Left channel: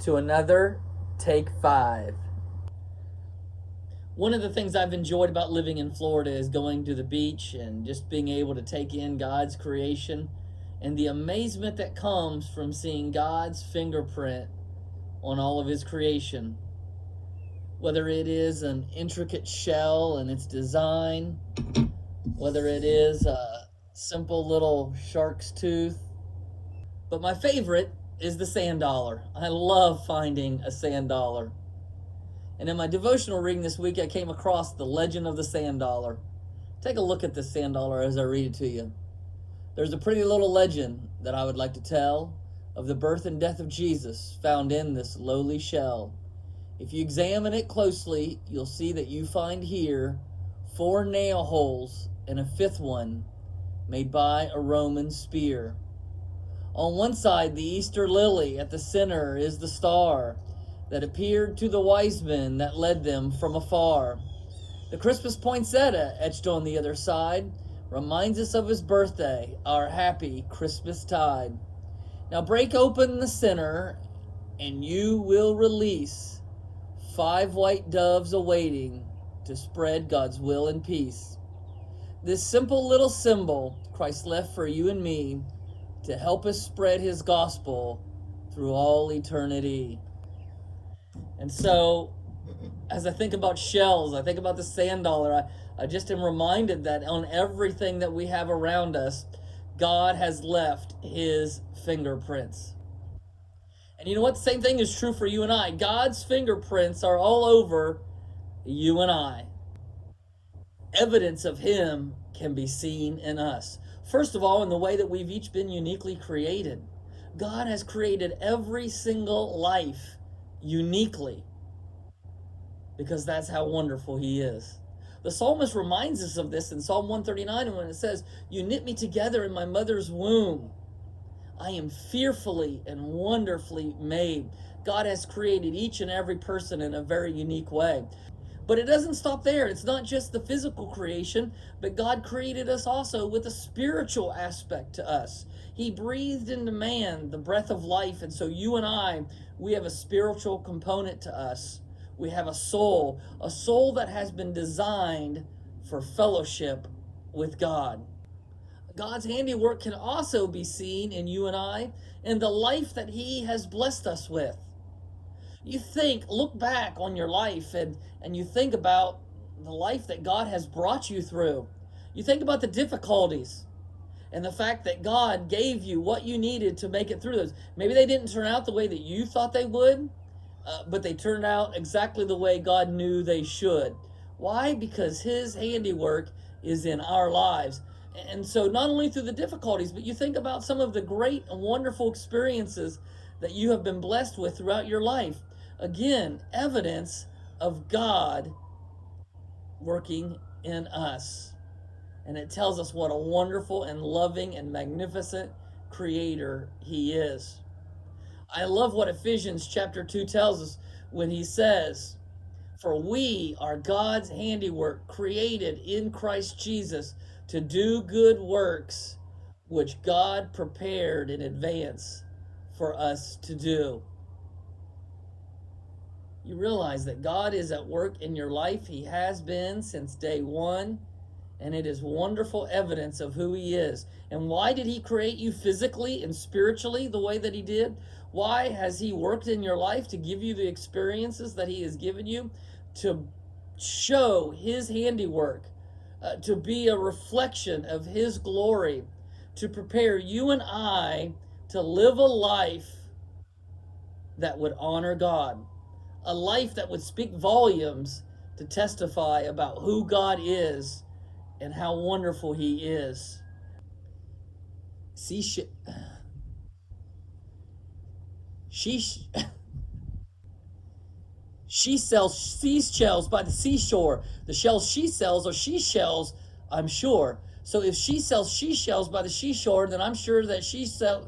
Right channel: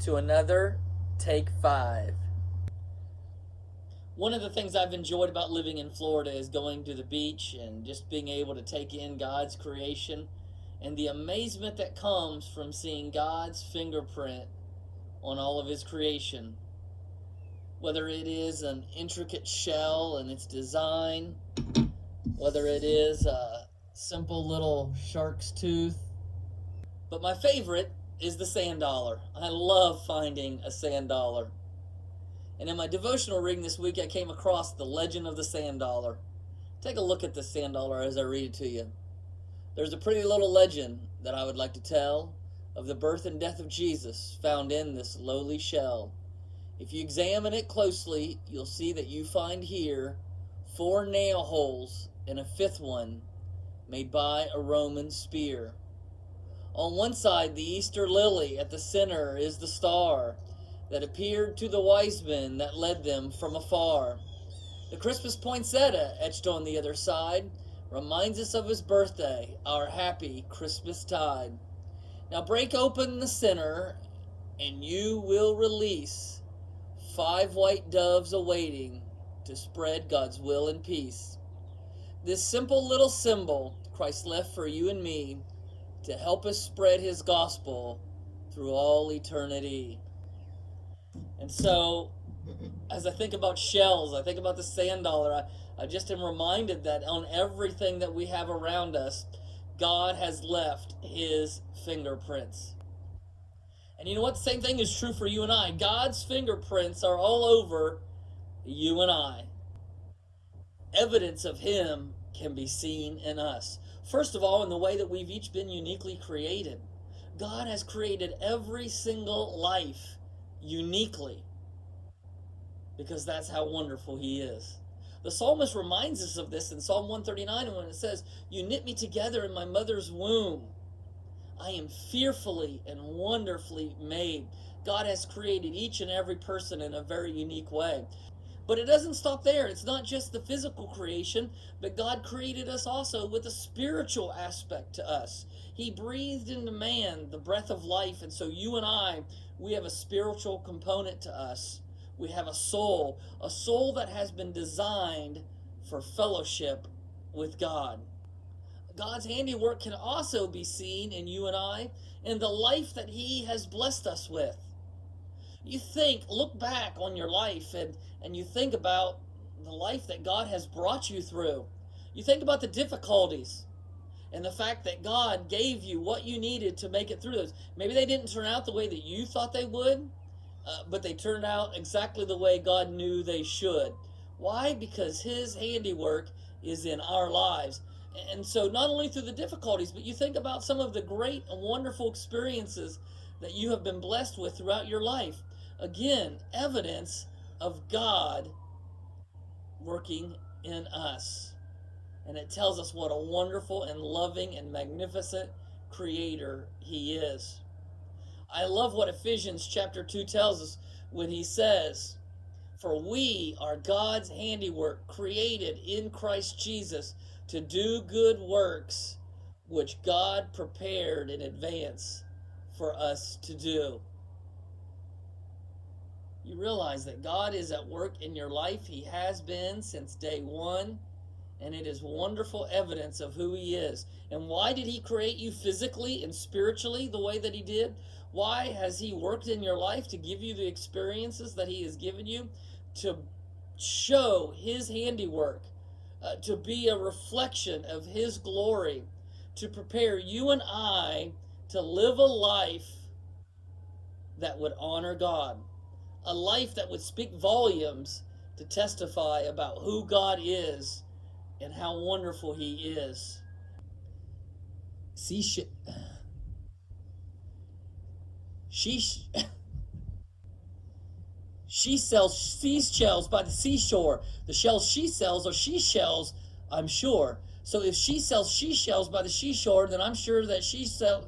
to another Take 5. One of the things I've enjoyed about living in Florida is going to the beach and just being able to take in God's creation and the amazement that comes from seeing God's fingerprint on all of his creation. Whether it is an intricate shell and its design, whether it is a simple little shark's tooth. But my favorite is the sand dollar. I love finding a sand dollar. And in my devotional reading this week, I came across the legend of the sand dollar. Take a look at this sand dollar as I read it to you. There's a pretty little legend that I would like to tell of the birth and death of Jesus found in this lowly shell. If you examine it closely, you'll see that you find here 4 nail holes and a 5th one made by a Roman spear. On one side, the Easter lily. At the center is the star that appeared to the wise men that led them from afar. The Christmas poinsettia etched on the other side reminds us of his birthday, our happy Christmas tide. Now break open the center and you will release 5 white doves awaiting to spread God's will and peace. This simple little symbol Christ left for you and me to help us spread his gospel through all eternity. And so, as I think about shells, I think about the sand dollar, I just am reminded that on everything that we have around us, God has left his fingerprints. And you know what? The same thing is true for you and I. God's fingerprints are all over you and I. Evidence of him can be seen in us. First of all, in the way that we've each been uniquely created. God has created every single life uniquely because that's how wonderful he is. The psalmist reminds us of this in Psalm 139 when it says, "You knit me together in my mother's womb. I am fearfully and wonderfully made." God has created each and every person in a very unique way. But it doesn't stop there. It's not just the physical creation, but God created us also with a spiritual aspect to us. He breathed into man the breath of life, and so you and I, we have a spiritual component to us. We have a soul that has been designed for fellowship with God. God's handiwork can also be seen in you and I in the life that he has blessed us with. You look back on your life and you think about the life that God has brought you through. You think about the difficulties and the fact that God gave you what you needed to make it through those. Maybe they didn't turn out the way that you thought they would, but they turned out exactly the way God knew they should. Why? Because his handiwork is in our lives. And so not only through the difficulties, but you think about some of the great and wonderful experiences that you have been blessed with throughout your life. Again, evidence of God working in us. And it tells us what a wonderful and loving and magnificent creator he is. I love what Ephesians chapter 2 tells us when he says, "For we are God's handiwork, created in Christ Jesus to do good works, which God prepared in advance for us to do." You realize that God is at work in your life. He has been since day one, and it is wonderful evidence of who he is. And why did he create you physically and spiritually the way that he did? Why has he worked in your life to give you the experiences that he has given you? To show his handiwork, to be a reflection of his glory, to prepare you and I to live a life that would honor God. A life that would speak volumes to testify about who God is and how wonderful he is. She sells seashells by the seashore. The shells she sells are she shells, I'm sure. So if she sells she shells by the seashore, then I'm sure that she sells...